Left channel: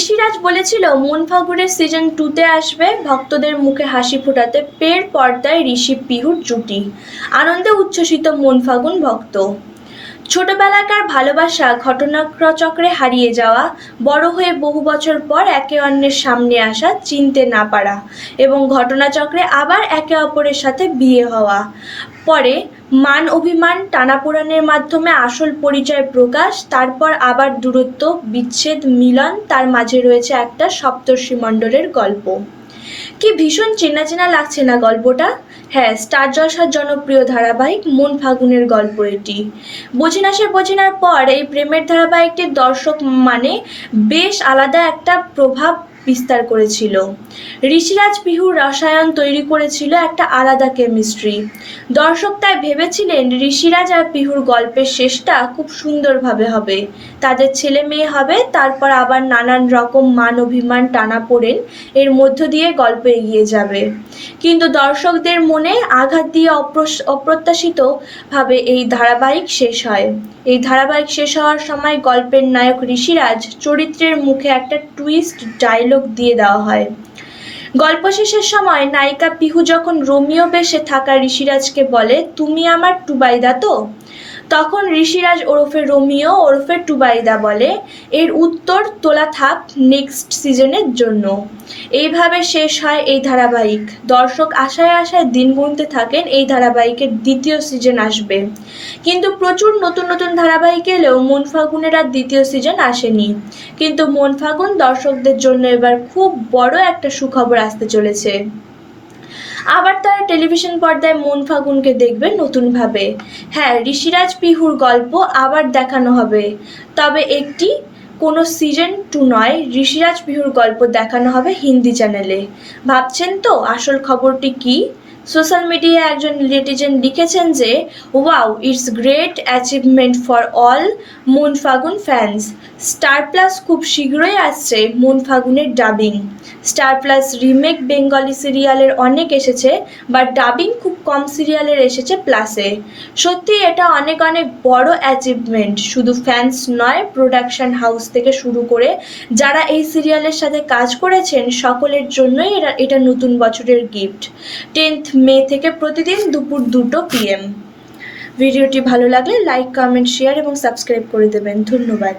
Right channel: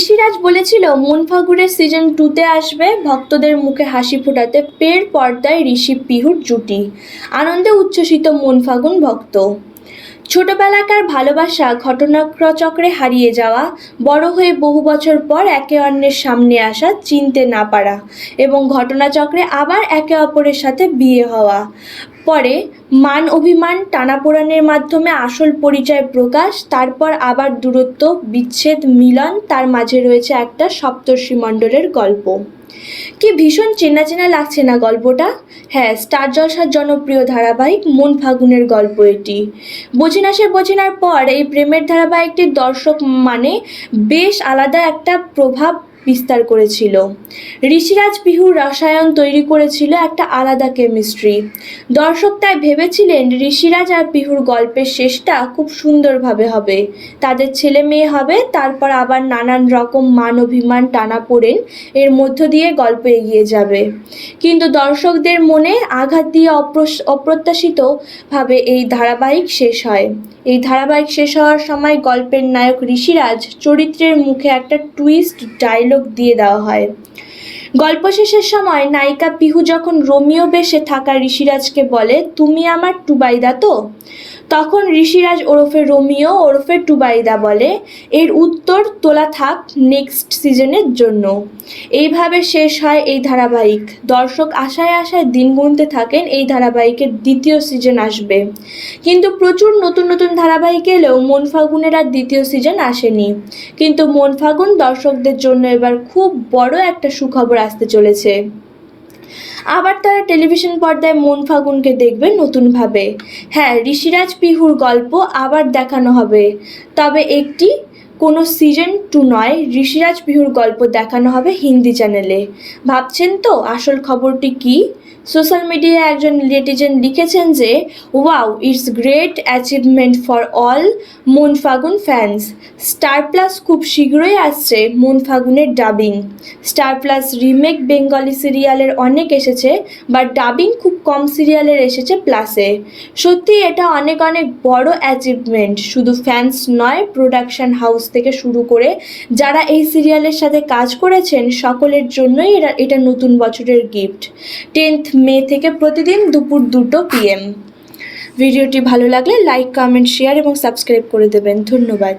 ঋষিরাজ বলেছিল মন ফাগুনের সিজন 2-তে আসবে ভক্তদের মুখে হাসি ফোটাতে পের পর্দায় ঋষি পিহুর জুটি। আনন্দে উচ্ছ্বসিত মন ফাগুন ভক্ত। ছোটবেলাকার ভালোবাসা ঘটনাচক্রে হারিয়ে যাওয়া, বড় হয়ে বহু বছর পর একে অন্যের সামনে আসা, চিনতে না পারা এবং ঘটনাচক্রে আবার একে অপরের সাথে বিয়ে হওয়া, পরে মান অভিমান টানাপোড়েনের মাধ্যমে আসল পরিচয় প্রকাশ, তারপর আবার দূরত্ব, বিচ্ছেদ, মিলন, তার মাঝে রয়েছে একটা সপ্তর্ষিমণ্ডলের গল্প। কি ভীষণ চেনা চেনা লাগছে না গল্পটা? হ্যাঁ, স্টার জলসার জনপ্রিয় ধারাবাহিক মন ফাগুনের গল্প এটি। বোঝেনার পর এই প্রেমের ধারাবাহিকটির দর্শক মানে বেশ আলাদা একটা প্রভাব বিস্তার করেছিল। ঋষিরাজ পিহুর রসায়ন তৈরি করেছিল একটা আলাদা কেমিস্ট্রি। দর্শক তাই ভেবেছিলেন ঋষিরাজ আর পিহুর গল্পের শেষটা খুব সুন্দরভাবে হবে, তাদের ছেলে মেয়ে হবে, তারপর আবার নানান রকম মান অভিমান টানাপোড়েন এর মধ্য দিয়ে গল্প এগিয়ে যাবে। কিন্তু দর্শকদের মনে আঘাত দিয়ে অপ্রত্যাশিতভাবে এই ধারাবাহিক শেষ হয়। এই ধারাবাহিক শেষ হওয়ার সময় গল্পের নায়ক ঋষিরাজ চরিত্রের মুখে একটা টুইস্ট ডায়লগ দিয়ে দেওয়া হয়। গল্প শেষের সময় নায়িকা পিহু যখন রোমিও বেশে থাকা ঋষিরাজকে বলে, তুমি আমার টুবাইদা তো? তখন ঋষিরাজ ওরফে রোমিও ওরফে টুবাইদা বলে, এর উত্তর তোলা থাক নেক্সট সিজনের জন্য। এইভাবে শেষ হয় এই ধারাবাহিক। দর্শক আশায় আশায় দিন গুনতে থাকেন এই ধারাবাহিকের দ্বিতীয় সিজন আসবে। কিন্তু প্রচুর নতুন নতুন ধারাবাহিক এলেও মন ফাগুনের আর দ্বিতীয় সিজন আসেনি। কিন্তু মন ফাগুন দর্শকদের জন্য এবার খুব বড় একটা সুখবর আসতে চলেছে। আবার তারা টেলিভিশন পর্দায় মন ফাগুনকে দেখবে নতুনভাবে। হ্যাঁ, ঋষিরাজ পিহুর গল্প আবার দেখানো হবে, তবে কোনো সিজন 2 নয়, ঋষিরাজ পিহুর গল্প দেখানো হবে হিন্দি চ্যানেলে। ভাবছেন তো আসল খবরটি কি? সোশ্যাল মিডিয়ায় একজন নেটিজেন লিখেছেন যে, wow, it's great achievement for all মন ফাগুন ফ্যান্স। স্টার প্লাস খুব শীঘ্রই আসছে মন ফাগুনের dubbing. Star Plus remake Bengali সিরিয়ালের অনেক এসেছে, বাট ডাবিং খুব কম সিরিয়ালের এসেছে প্লাসে। সত্যি এটা অনেক অনেক বড় অ্যাচিভমেন্ট। শুধু ফ্যান্স নয়, প্রোডাকশন হাউস থেকে শুরু করে যারা এই সিরিয়ালের সাথে কাজ করেছেন সকলের জন্যই এটা নতুন বছরের গিফট। 10th মে থেকে প্রতিদিন দুপুর 2 PM। ভিডিওটি ভালো লাগলে লাইক, কমেন্ট, শেয়ার এবং সাবস্ক্রাইব করে দেবেন। ধন্যবাদ।